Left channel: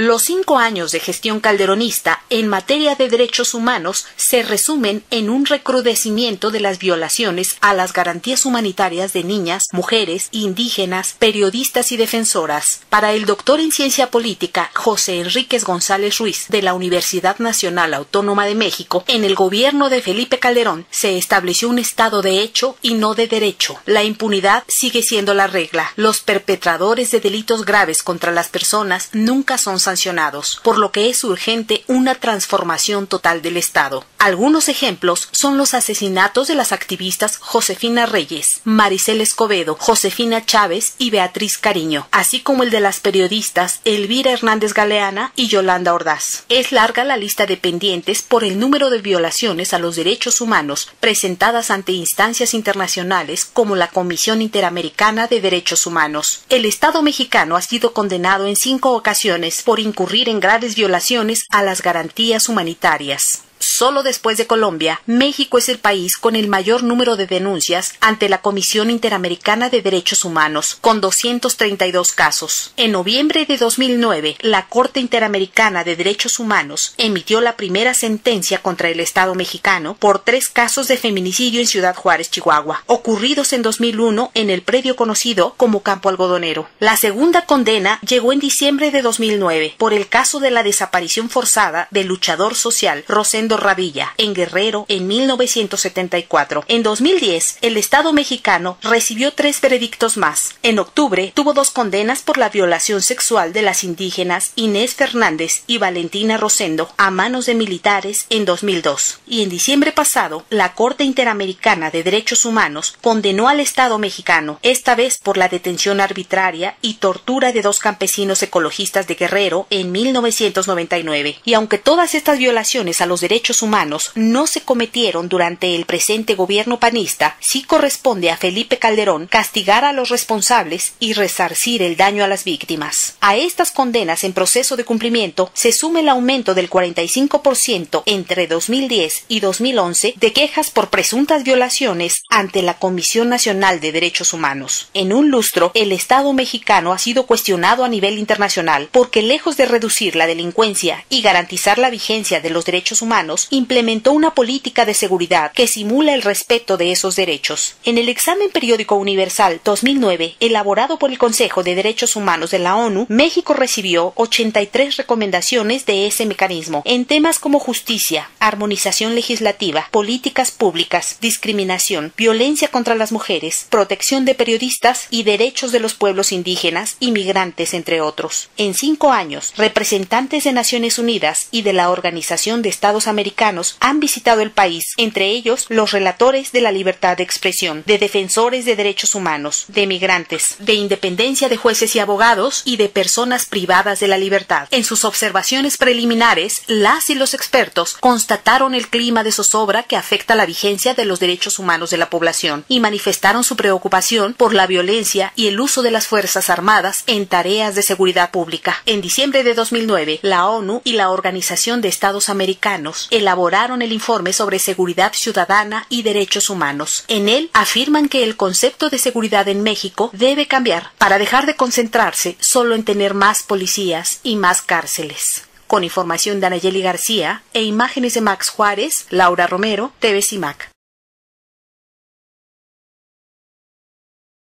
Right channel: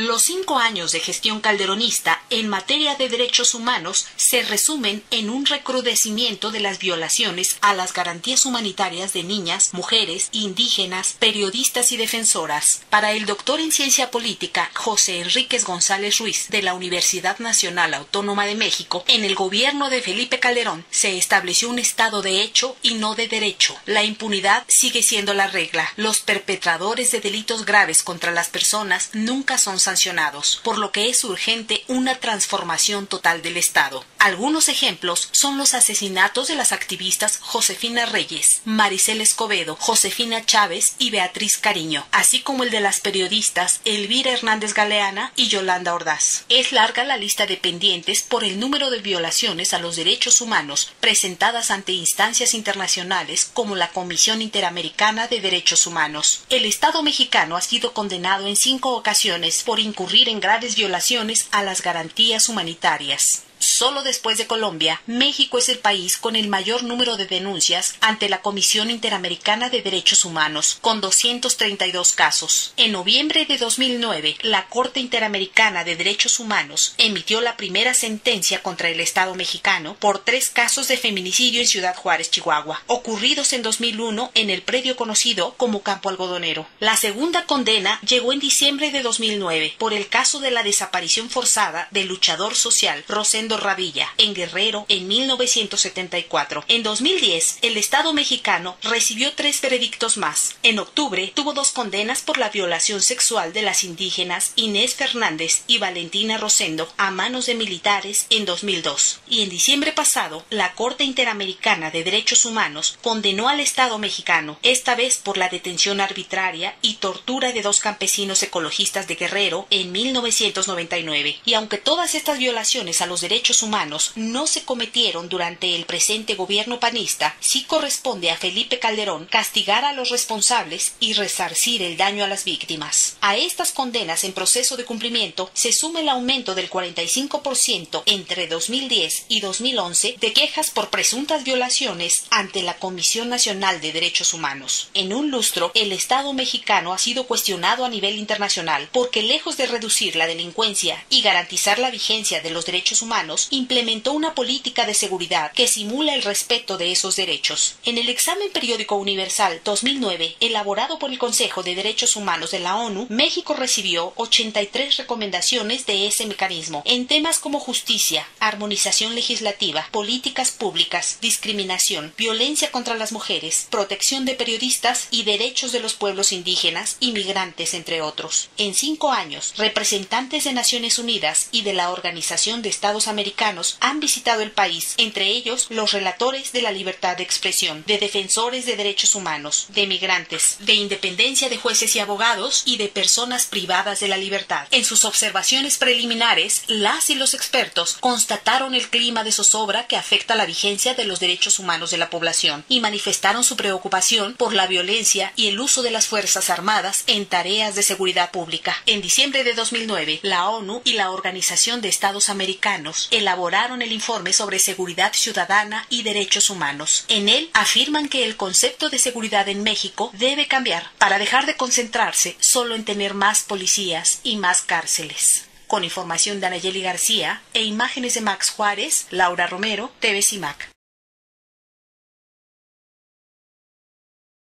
Los 5 años de gestión calderonista en materia de derechos humanos se resumen en un recrudecimiento de las violaciones a las garantías humanitarias de niñas, mujeres, indígenas, periodistas y defensoras. Para el doctor en ciencia política José Enríquez González Ruiz de la Universidad Nacional Autónoma de México, en el gobierno de Felipe Calderón se estableció un estado de hecho y no de derecho. La impunidad sigue siendo la regla. Los perpetradores de delitos graves contra las personas nunca son sancionados, por lo que es urgente una transformación total del Estado. Algunos ejemplos son los asesinatos de las activistas Josefina Reyes, Maricel Escobedo, Josefina Chávez y Beatriz Cariño, así como el de las periodistas Elvira Hernández Galeana y Yolanda Ordaz. Es larga la lista de pendientes por el número de violaciones a los derechos humanos presentadas ante instancias internacionales como la Comisión Interamericana de Derechos Humanos. El Estado mexicano ha sido condenado en 5 ocasiones por incurrir en graves violaciones a las garantías humanitarias. Solo después de Colombia, México es el país con el mayor número de denuncias ante la Comisión Interamericana de Derechos Humanos, con 232 casos. En noviembre de 2009, la Corte Interamericana de Derechos Humanos emitió la primera sentencia contra el Estado mexicano por 3 casos de feminicidio en Ciudad Juárez, Chihuahua, ocurridos en 2001 en el predio conocido como Campo Algodonero. La segunda condena llegó en diciembre de 2009 por el caso de la desaparición forzada del luchador social Rosendo Ravilla, en Guerrero, en 1974. En 2010, el Estado mexicano recibió 3 veredictos más. En octubre, tuvo 2 condenas por la violación sexual de las indígenas Inés Fernández y Valentina Rosendo a manos de militares en 2002. Y en diciembre pasado, la Corte Interamericana de Derechos Humanos condenó al Estado mexicano, esta vez por la detención arbitraria y tortura de 2 campesinos ecologistas de Guerrero en 1999. Y aunque todas estas violaciones a los derechos humanos no se cometieron durante el presente gobierno panista, sí corresponde a Felipe Calderón castigar a los responsables y resarcir el daño a las víctimas. A estas condenas en proceso de cumplimiento se suma el aumento del 45% entre 2010 y 2011 de quejas por presuntas violaciones ante la Comisión Nacional de Derechos Humanos. En un lustro, el Estado mexicano ha sido cuestionado a nivel internacional porque, lejos de reducir la delincuencia y garantizar la vigencia de los derechos humanos, implementó una política de seguridad que simula el respeto de esos derechos. En el examen periódico universal 2009, elaborado por el Consejo de Derechos Humanos de la ONU, México recibió 83 recomendaciones de ese mecanismo en temas como justicia, armonización legislativa, políticas públicas, discriminación, violencia contra las mujeres, protección de periodistas y derechos de los pueblos indígenas y migrantes, entre otros. En 5 años, representantes de Naciones Unidas y de la Organización de Estados Americanos han visitado el país, entre ellos los relatores de la libertad de expresión, de defensores de derechos humanos, de migrantes, de independencia de jueces y abogados y de personas privadas de la libertad. En sus observaciones preliminares, las y los expertos constataron el clima de zozobra que afecta la vigencia de los derechos humanos de la población y manifestaron su preocupación por la violencia y el uso de las Fuerzas Armadas en tareas de seguridad pública. En diciembre de 2009, la ONU y la Organización de Estados Americanos elaboraron el informe sobre seguridad ciudadana y derechos humanos. En él afirman que el concepto de seguridad en México debe cambiar para dejar de concentrarse solo en tener más policías y más cárceles. Con información de Anayeli García e imágenes de Max Juárez, Laura Romero, TV CIMAC.